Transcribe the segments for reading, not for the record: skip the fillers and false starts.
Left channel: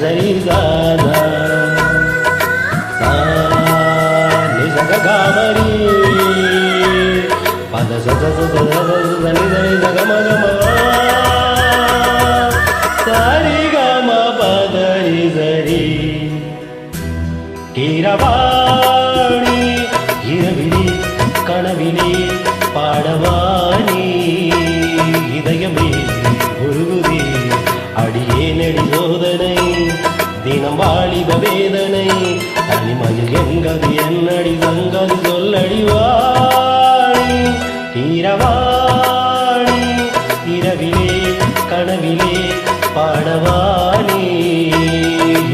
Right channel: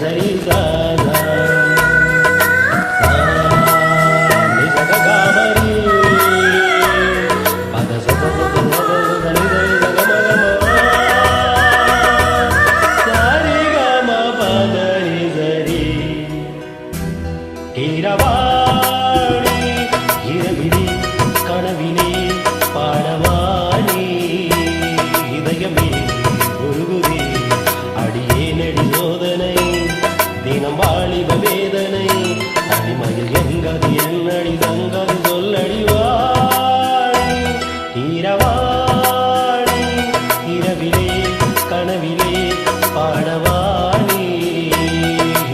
சரி சாதா நிசகாமரி பத சரி சரி சகமகமா சரி கம பதரி சரி கீரவாணி இரவிலே கனவிலே பாடவானி இதயமே உருகுதே அடியேனடி சோதனை தினம் வாலிப வேதனை தனிமையில் எங்கதி என்னடி சங்கதி சொல்லடி வாணி கீரவாணி இரவிலே கனவிலே பாடவானி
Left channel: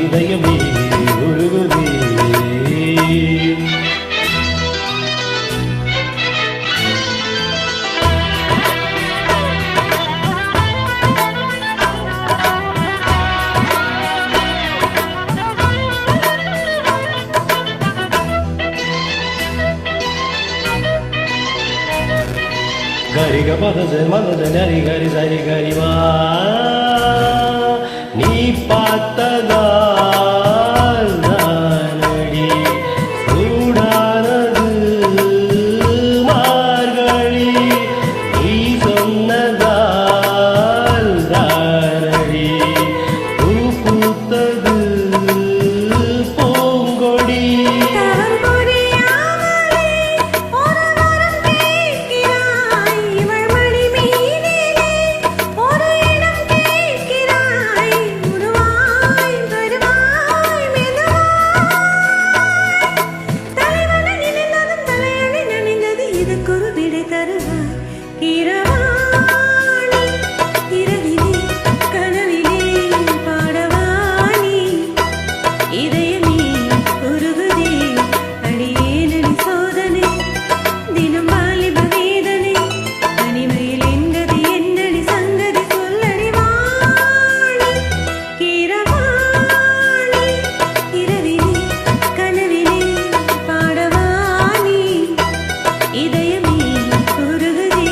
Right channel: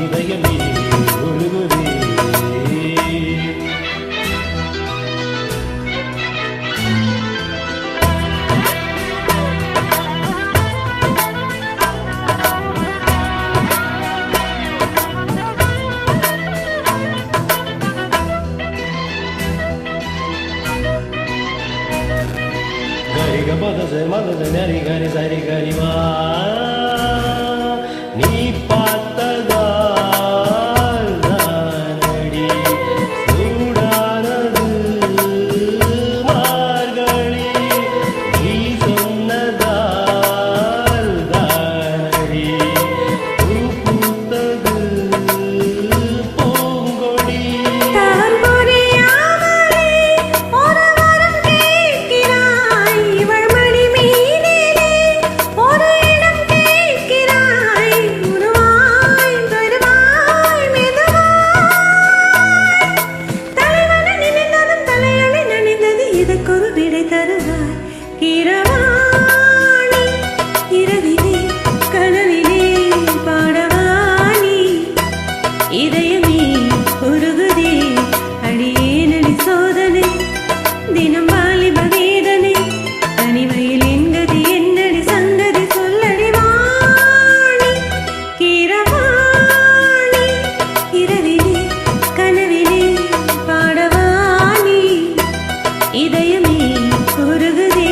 இதயமே உருகுதே கரிக பதசர் மதசர் நரி கரி சரி கரிவா நீ பார்த்ததால் தானடி சூடானது மார்கழி நீ சொன்னதால் தானடி பூ பூத்தது பூங்கொடி இதற்கொரு விடை தருவாய் கீரவாணி இரவிலே கனவிலே பாடவாணி இதயமே உருகுதே அடியேனடி சோதனை தினம் வாலிப வேதனை தனிமையில் என்கதி என்னடி சங்கதி சொல்லடி வாணி கீரவாணி இரவிலே கனவிலே பாடவாணி இதயமே உருகுதே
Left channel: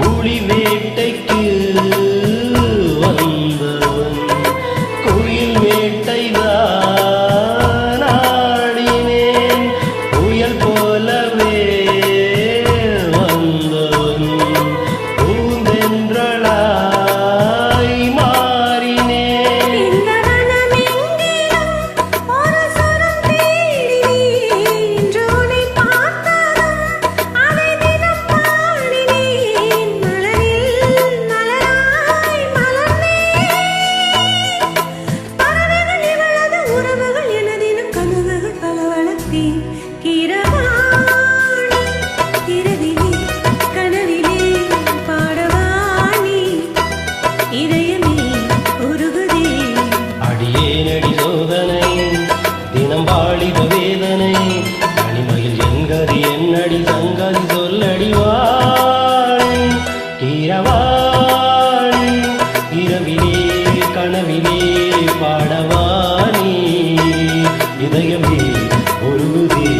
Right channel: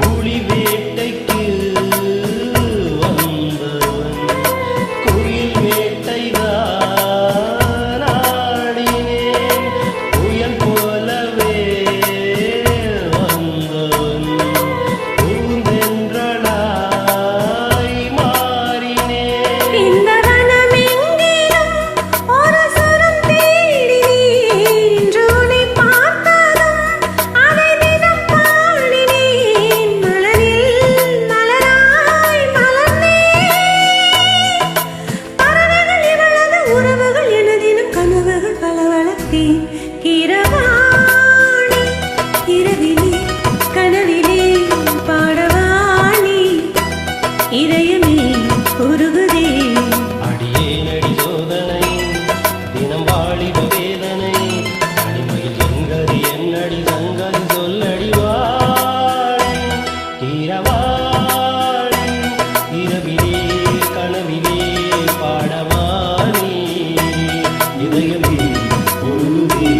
புலி வேட்டைக்கு வந்தவன் குயில் வேட்டைதான் ஆடினேன் புயல் போலவே வந்தவன் பூந்தென்றலாய் மாறினேன் இந்த வனமெங்கிலும் ஒரு சுரம் தேடினேன் இன்று உன்னை பார்த்ததும் அதை தினம் பாடினேன் மலரில் மலராய் மலர்ந்தேன் பறவைகள் இவளது உறவுகள் எனதினும் கனவுகள் பல வளர்த்தேன் கீரவாணி இரவிலே கனவிலே பாடவாணி இதயமே உருகுதே அடியேனடி சோதனை தினம் வாலிப வேதனை தனிமையில் என்கதி என்னடி சங்கதி சொல்லடி வாணி கீரவாணி இரவிலே கனவிலே பாடவாணி இதயமே உருகுதே